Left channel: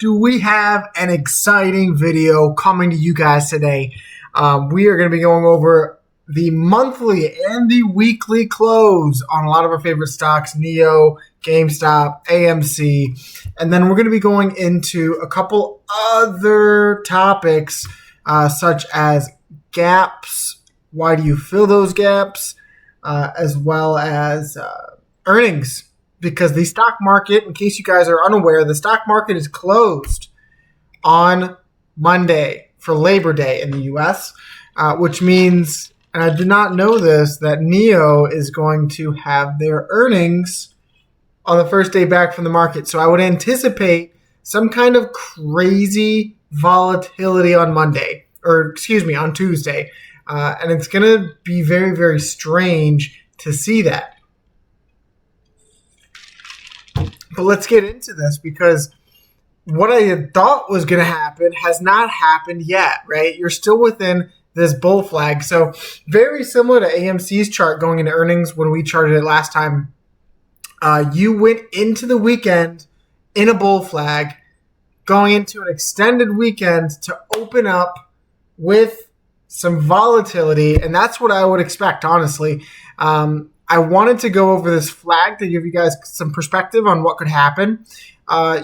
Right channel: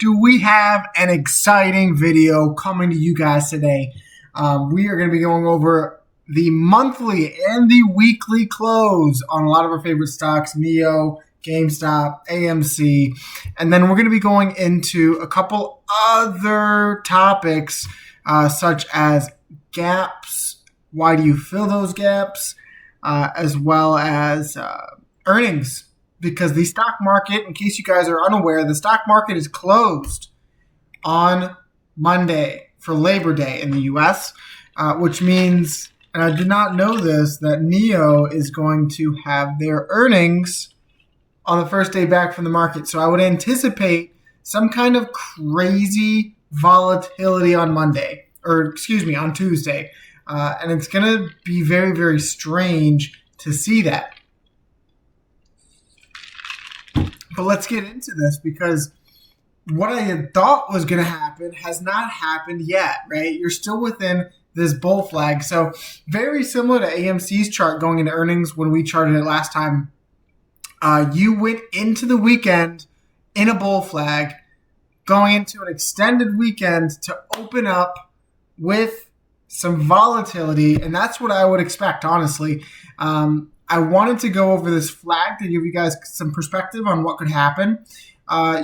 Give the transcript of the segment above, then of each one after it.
do we have an exciting video coming to you guys today. We are going to be going over the monthly and the weekly close on a lot of our favorite stocks, Nio, GameStop, AMC, and then we're going to be going into a couple other topics such as gaps, why do you fill those gaps, as well as earnings. Because the stock market, in case you guys are unaware, the stock market is closed on Monday for Labor Day in the U.S., which means, and I did not know this, that Nio is going to have their earnings on the first day back from the market. So I would anticipate some kind of crazy volatility on Monday, or on Tuesday. And it's going to be very, very strange to see that. But let's get into this, because what I had thought was going to happen has not happened yet, right? You're still within this bull flag. So very similar to AMC's chart going into earnings when we charted it last time. You went into the weekend in a bull flag, going into an extended weekend to open up with some volatility. And that's what I would expect, honestly. I wanted to go over this flag to give you guys some perspective on what could happen.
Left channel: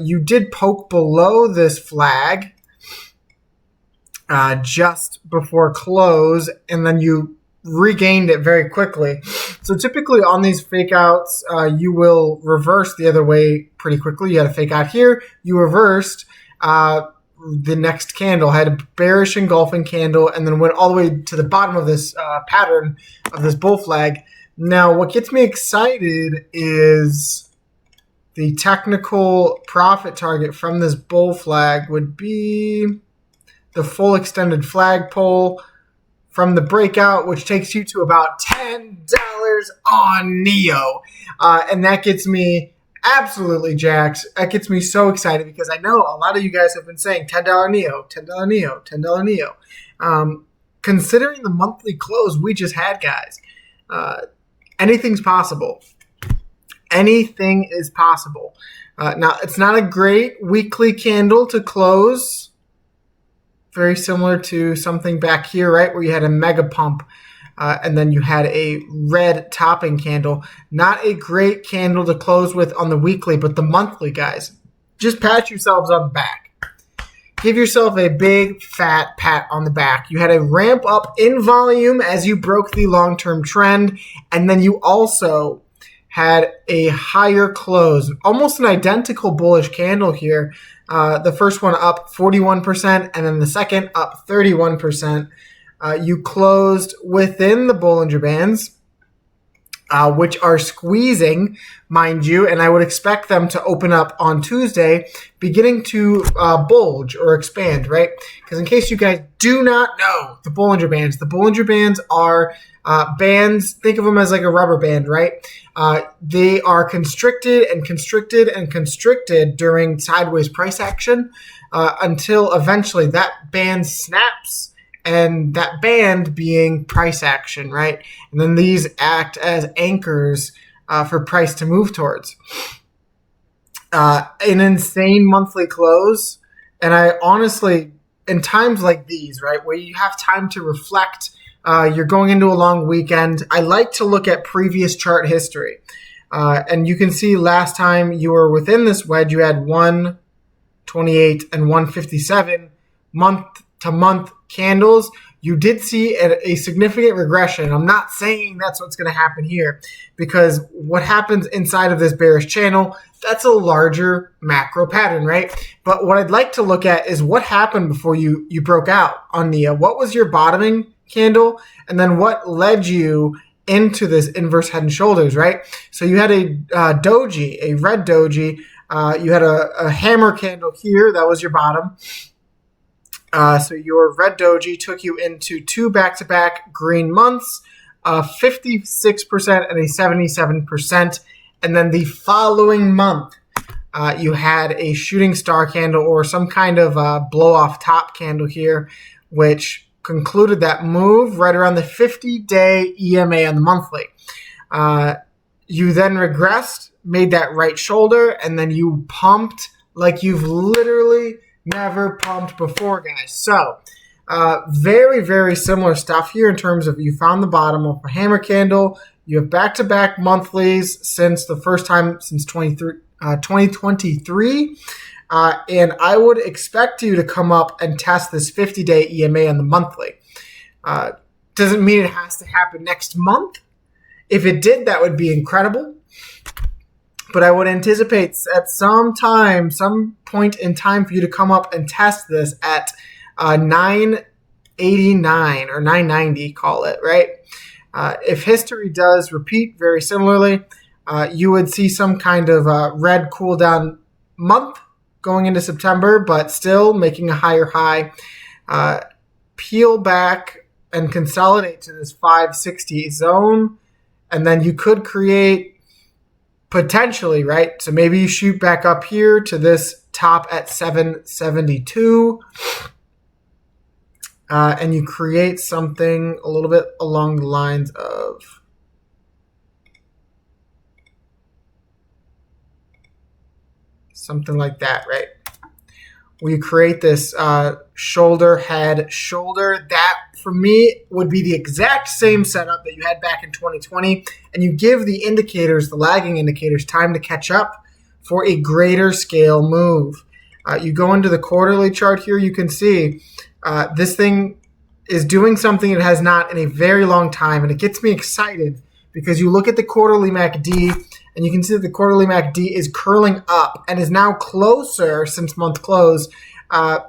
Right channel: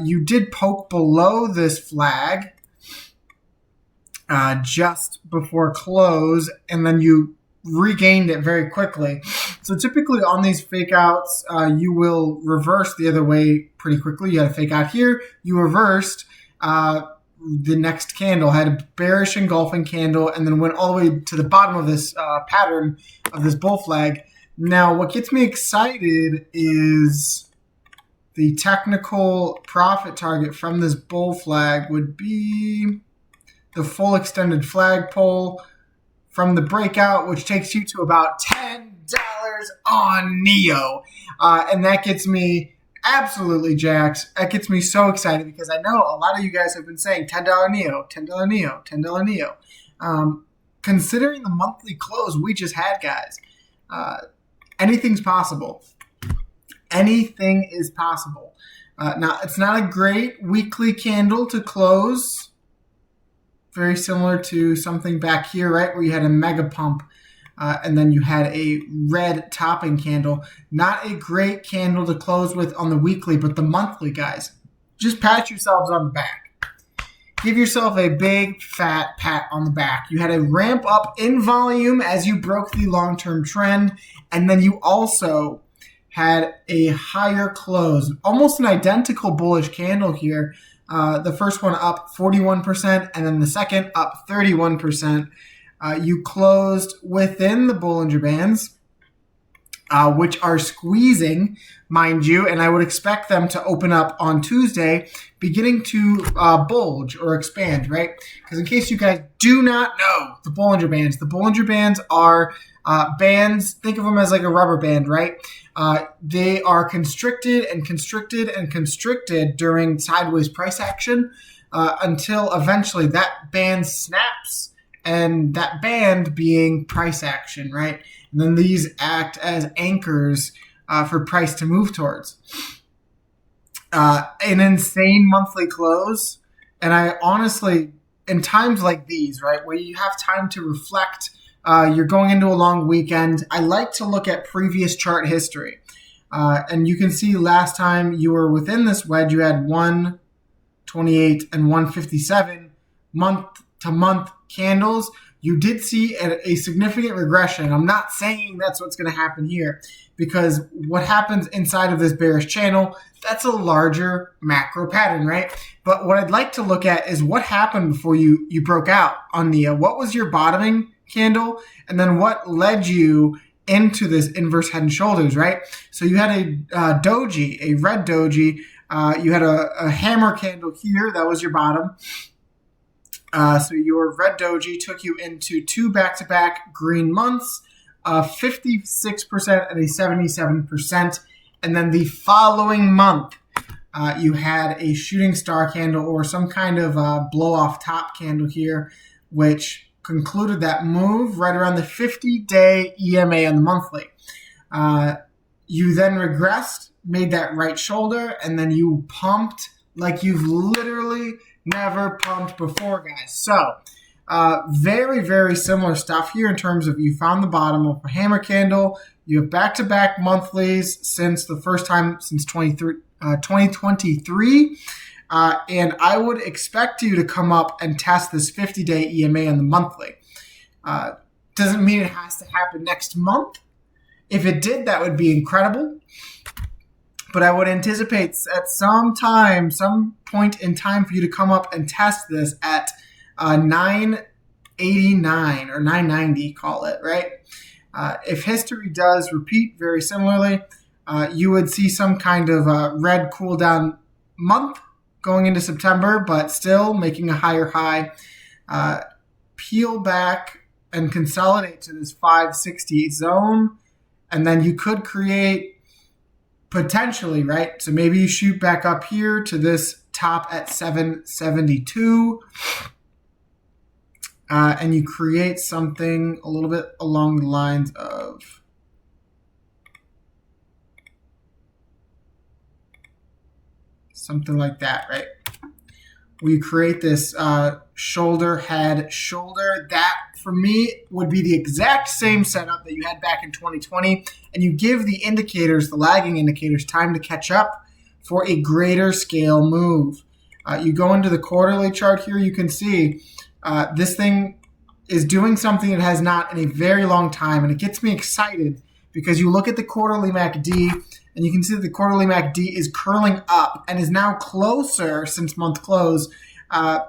You did poke below this flag just before close, and then you regained it very quickly. So typically on these fake outs, you will reverse the other way pretty quickly. You had a fake out here. You reversed the next candle, had a bearish engulfing candle, and then went all the way to the bottom of this pattern of this bull flag. Now, what gets me excited is the technical profit target from this bull flag would be the full extended flagpole from the breakout, which takes you to about $10 on Nio. And that gets me absolutely jacked. That gets me so excited because I know a lot of you guys have been saying $10 Nio, $10 Nio, $10 Nio. Considering the monthly close we just had, guys, anything's possible. Anything is possible. Now, it's not a great weekly candle to close. Very similar to something back here, right, where you had a mega pump and then you had a red topping candle. Not a great candle to close with on the weekly, but the monthly, guys, just pat yourselves on the back. Give yourself a big, fat pat on the back. You had a ramp up in volume as you broke the long-term trend, and then you also had a higher close, almost an identical bullish candle here. The first one up 41%, and then the second up 31%. You closed within the Bollinger Bands, which are squeezing, mind you, and I would expect them to open up on Tuesday, beginning to bulge or expand, right? Because in case you guys do not know the Bollinger Bands are bands, think of them as like a rubber band, right? They are constricted and constricted and constricted during sideways price action until eventually that band snaps, and that band being price action, right? And then these act as anchors for price to move towards. An insane monthly close. And I honestly, in times like these, right, where you have time to reflect, you're going into a long weekend, I like to look at previous chart history. And you can see last time you were within this wedge, you had 128 and 157 month-to-month candles. You did see a significant regression. I'm not saying that's what's going to happen here, because what happens inside of this bearish channel, that's a larger macro pattern, right? But what I'd like to look at is what happened before you broke out on Nio. What was your bottoming candle? And then what led you into this inverse head and shoulders, right? So you had a doji, a red doji. You had a hammer candle here. That was your bottom. So your red doji took you into two back-to-back green months, 56% and a 77%. And then the following month, you had a shooting star candle or some kind of blow-off top candle here, which concluded that move right around the 50-day EMA on the monthly. You then regressed, made that right shoulder, and then you pumped like you've literally never pumped before, guys. So very, very similar stuff here in terms of you found the bottom of a hammer candle. You have back-to-back monthlies since the first time since 2023. And I would expect you to come up and test this 50-day EMA on the monthly. Doesn't mean it has to happen next month. If it did, that would be incredible. But I would anticipate at some point in time for you to come up and test this at 989 or 990, call it, right? If history does repeat very similarly, you would see some kind of red cool down month going into September, but still making a higher high. Peel back and consolidate to this 560 zone, and then you could create potentially, right? So maybe you shoot back up here to this top at 772, and you create something a little bit along the lines of something like that, right? We create this shoulder, head, shoulder. That, for me, would be the exact same setup that you had back in 2020. And you give the indicators, the lagging indicators, time to catch up for a greater scale move. You go into the quarterly chart here, you can see this thing is doing something it has not in a very long time. And it gets me excited because you look at the quarterly MACD and you can see that the quarterly MACD is curling up and is now closer since month close than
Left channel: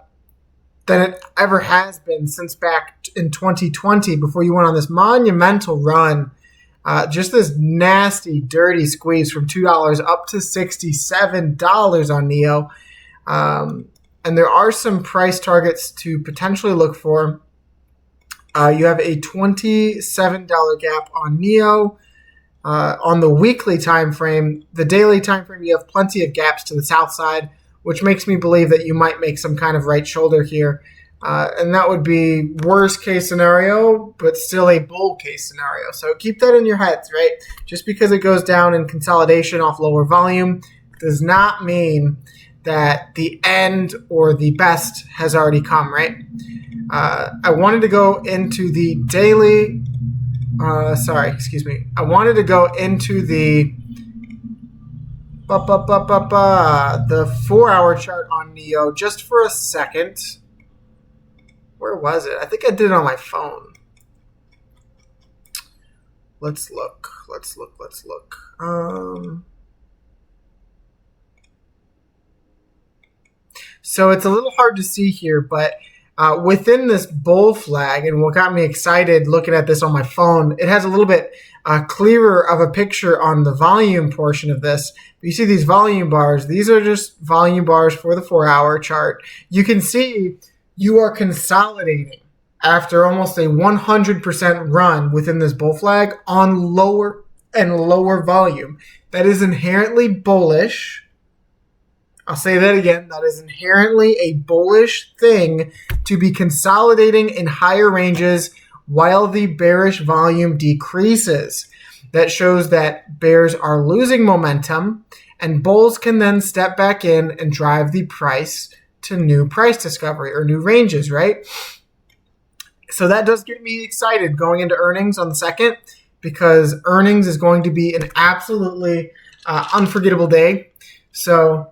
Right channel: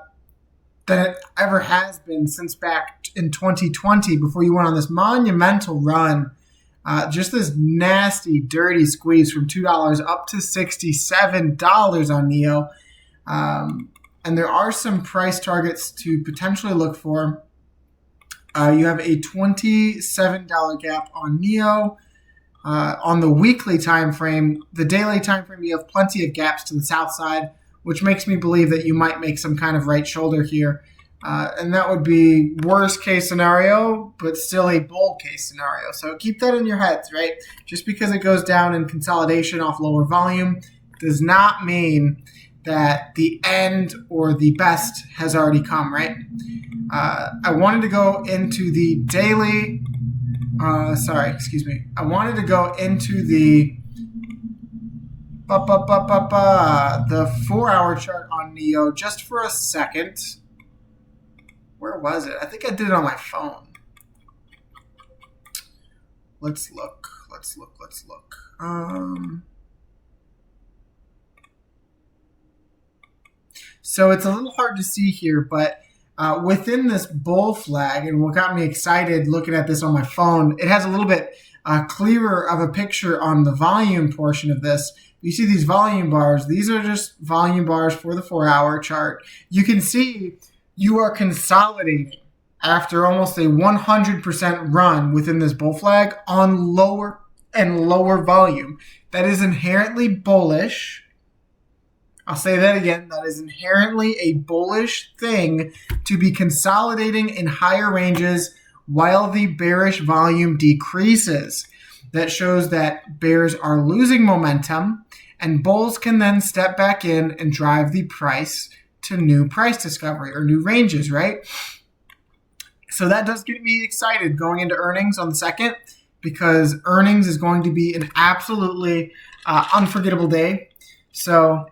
it ever has been since back in 2020 before you went on this monumental run. Just this nasty, dirty squeeze from $2 up to $67 on Nio. And there are some price targets to potentially look for. You have a $27 gap on Nio. On the weekly time frame, the daily time frame, you have plenty of gaps to the south side, which makes me believe that you might make some kind of right shoulder here. And that would be worst case scenario, but still a bull case scenario. So keep that in your heads, right? Just because it goes down in consolidation off lower volume does not mean that the end or the best has already come, right? I wanted to go into the daily... I wanted to go into the 4-hour chart on Nio just for a second. Where was it? I think I did it on my phone. Let's look. So it's a little hard to see here, but within this bull flag, and what got me excited looking at this on my phone, it has a little bit clearer of a picture on the volume portion of this. You see these volume bars. These are just volume bars for the 4-hour chart. You can see you are consolidating after almost a 100% run within this bull flag on lower and lower volume. That is inherently bullish. I'll say that again. That is inherently a bullish thing to be consolidating in higher ranges while the bearish volume decreases. That shows that bears are losing momentum and bulls can then step back in and drive the price to new price discovery or new ranges, right? So that does get me excited going into earnings on the 2nd, because earnings is going to be an absolutely unforgettable day. So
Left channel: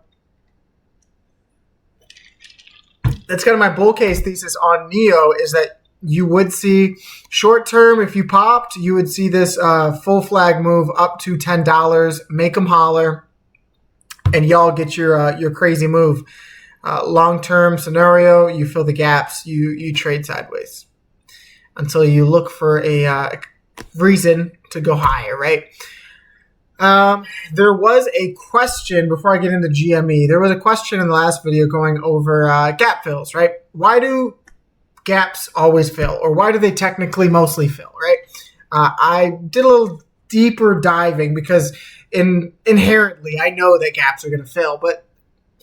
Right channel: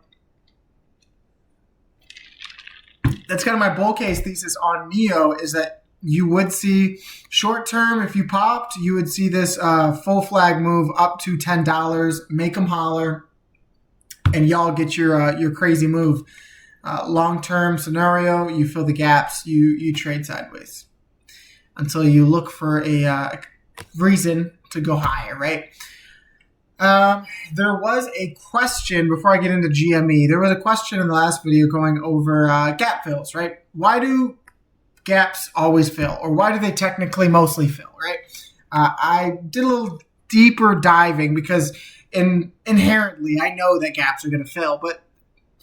that's kind of my bull case thesis on Nio, is that you would see short term, if you popped, you would see this full flag move up to $10, make them holler, and y'all get your crazy move. Long term scenario, you fill the gaps, you trade sideways until you look for a reason to go higher, right? There was a question before I get into GME. There was a question in the last video going over gap fills, right? Why do gaps always fill, or why do they technically mostly fill, right? I did a little deeper diving because inherently I know that gaps are going to fill, but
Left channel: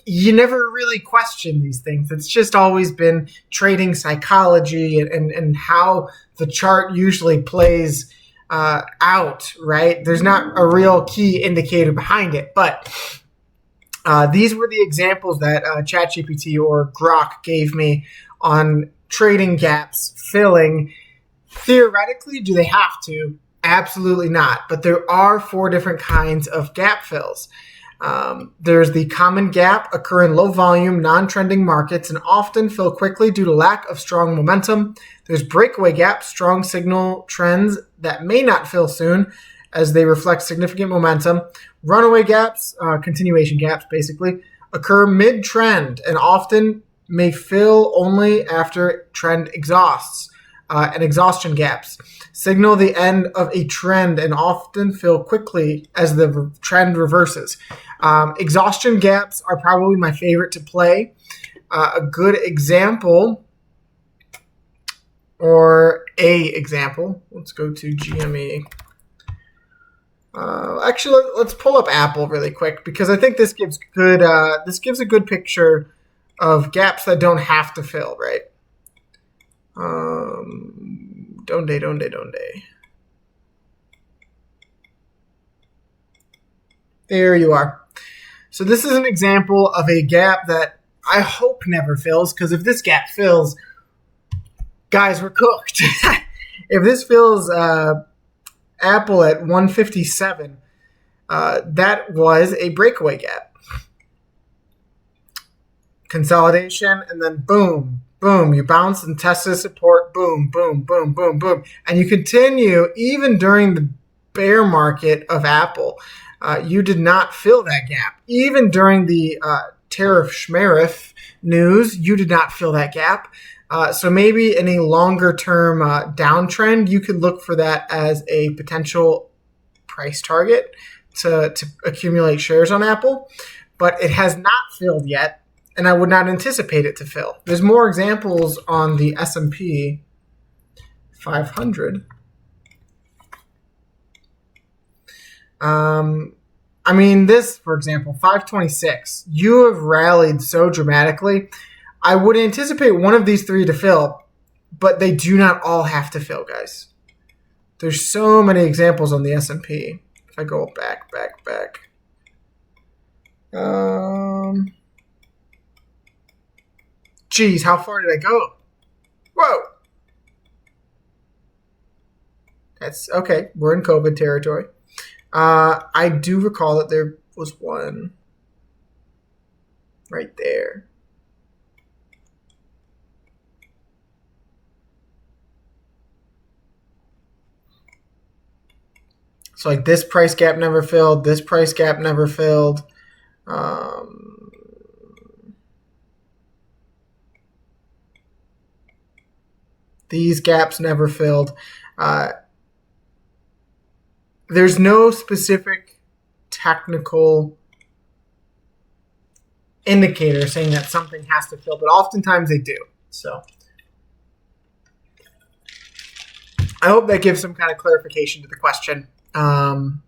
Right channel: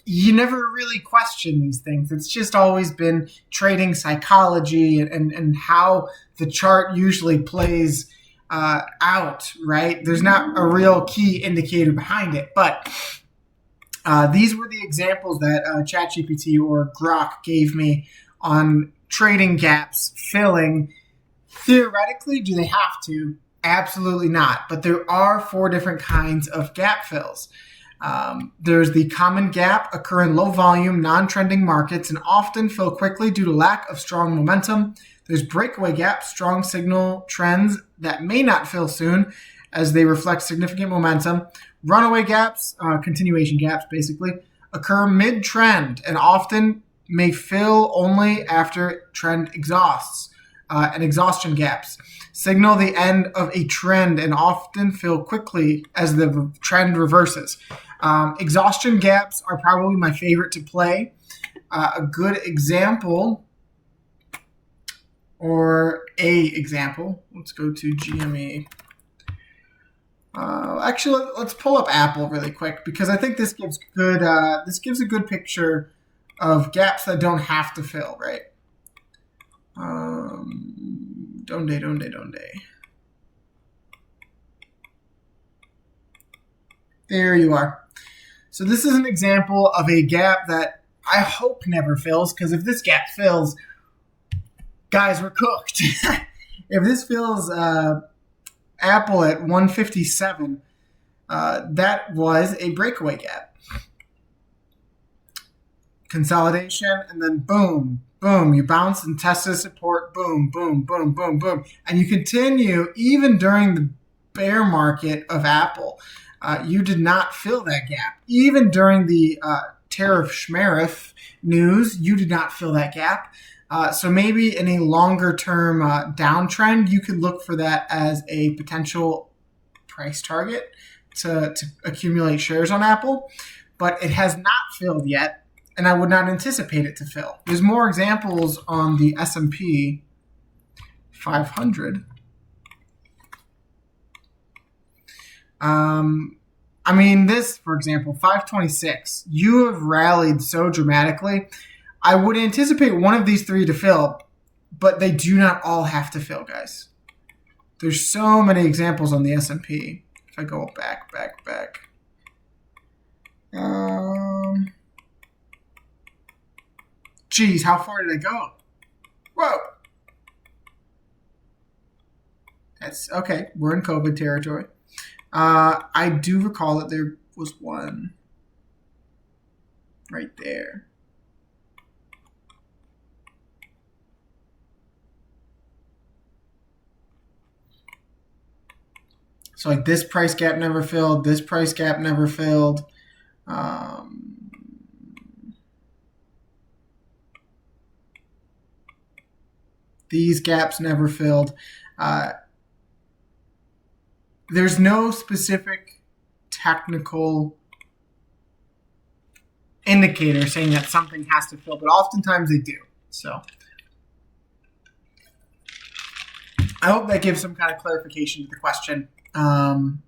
you never really question these things. It's just always been trading psychology and how the chart usually plays out, right? There's not a real key indicator behind it, but These were the examples that ChatGPT or Grok gave me on trading gaps filling. Theoretically, do they have to? Absolutely not. But there are 4 different kinds of gap fills. There's the common gap, occur in low volume, non-trending markets, and often fill quickly due to lack of strong momentum. There's breakaway gaps, strong signal trends that may not fill soon as they reflect significant momentum. Runaway gaps, continuation gaps basically, occur mid-trend and often may fill only after trend exhausts. And exhaustion gaps signal the end of a trend and often fill quickly as the trend reverses. Exhaustion gaps are probably my favorite to play. A good example, or a example, let's go to GME. Actually, let's pull up Apple really quick because I think this gives a good picture of gaps that don't have to fill, right? Donde. There you are. So this is an example of a gap that I hope never fills, because if this gap fills, guys, we're cooked. If this fills Apple at 157, that was a breakaway gap. Consolidation, and then boom, boom, you bounce and test the support, boom, boom, boom, boom, boom. And you continue even during the bear market of Apple. You did not fill that gap. Even during the tariff schmariff news, you did not fill that gap. So maybe in a longer term downtrend, you could look for that as a potential price target to accumulate shares on Apple. But it has not filled yet, and I would not anticipate it to fill. There's more examples on the S&P 500. I mean, this, for example, 526, you have rallied so dramatically. I would anticipate one of these 3 to fill, but they do not all have to fill, guys. There's so many examples on the S&P. If I go back. Geez, how far did I go? Whoa. That's okay. We're in COVID territory. I do recall that there was one right there. So like this price gap never filled. This price gap never filled. These gaps never filled. There's no specific technical indicator saying that something has to fill, but oftentimes they do. So I hope that gives some kind of clarification to the question. Nio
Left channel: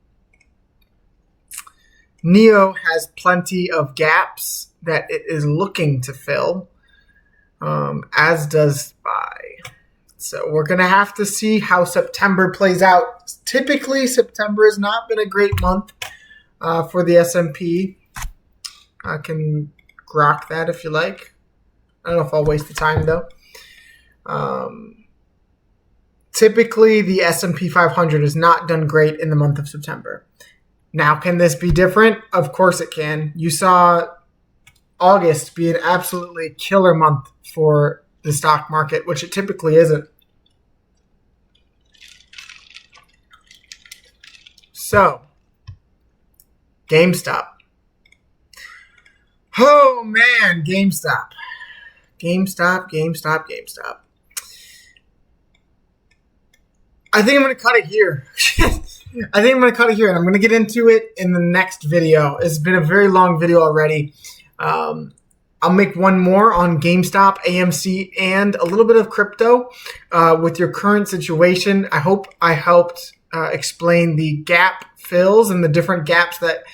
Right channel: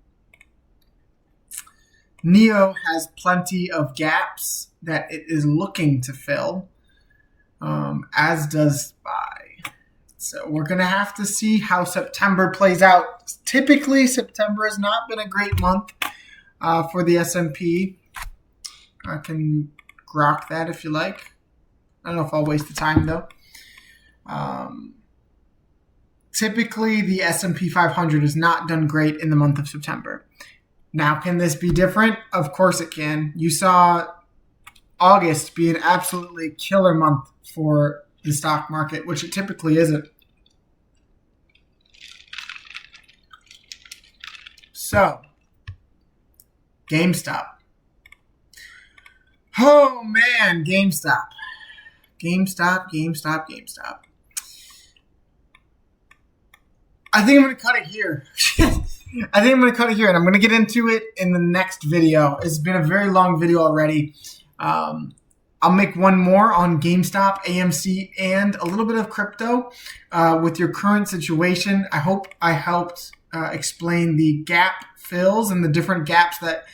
has plenty of gaps that it is looking to fill, as does SPY. So we're going to have to see how September plays out. Typically, September has not been a great month for the S&P. I can grok that if you like. I don't know if I'll waste the time, though. Typically, the S&P 500 has not done great in the month of September. Now, can this be different? Of course it can. You saw August be an absolutely killer month for the stock market, which it typically isn't. So, GameStop. Oh man, GameStop. I think I'm going to cut it here. And I'm going to get into it in the next video. It's been a very long video already. I'll make one more on GameStop, AMC, and a little bit of crypto with your current situation. I hope I helped explain the gap fills and the different gaps that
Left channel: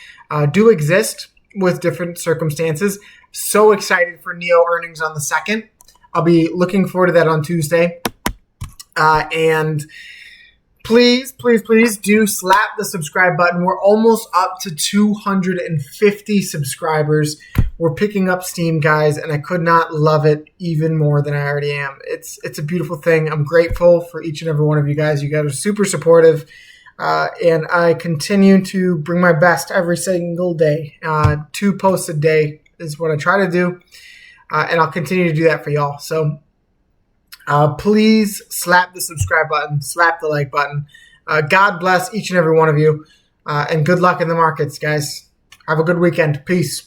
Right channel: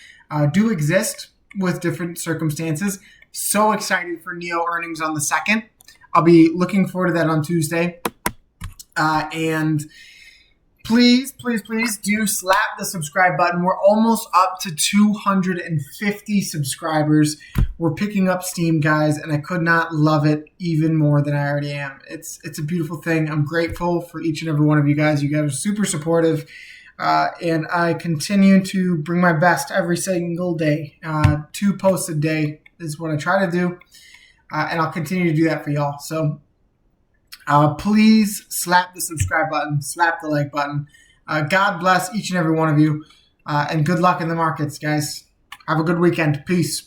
do exist with different circumstances. So excited for Nio earnings on the 2nd. I'll be looking forward to that on Tuesday. And Please, please, please do slap the subscribe button. We're almost up to 250 subscribers. We're picking up steam, guys, and I could not love it even more than I already am. It's a beautiful thing. I'm grateful for each and every one of you guys. You guys are super supportive, and I continue to bring my best every single day. 2 posts a day is what I try to do, and I'll continue to do that for y'all. So please slap the subscribe button, slap the like button. God bless each and every one of you, and good luck in the markets, guys. Have a good weekend. Peace.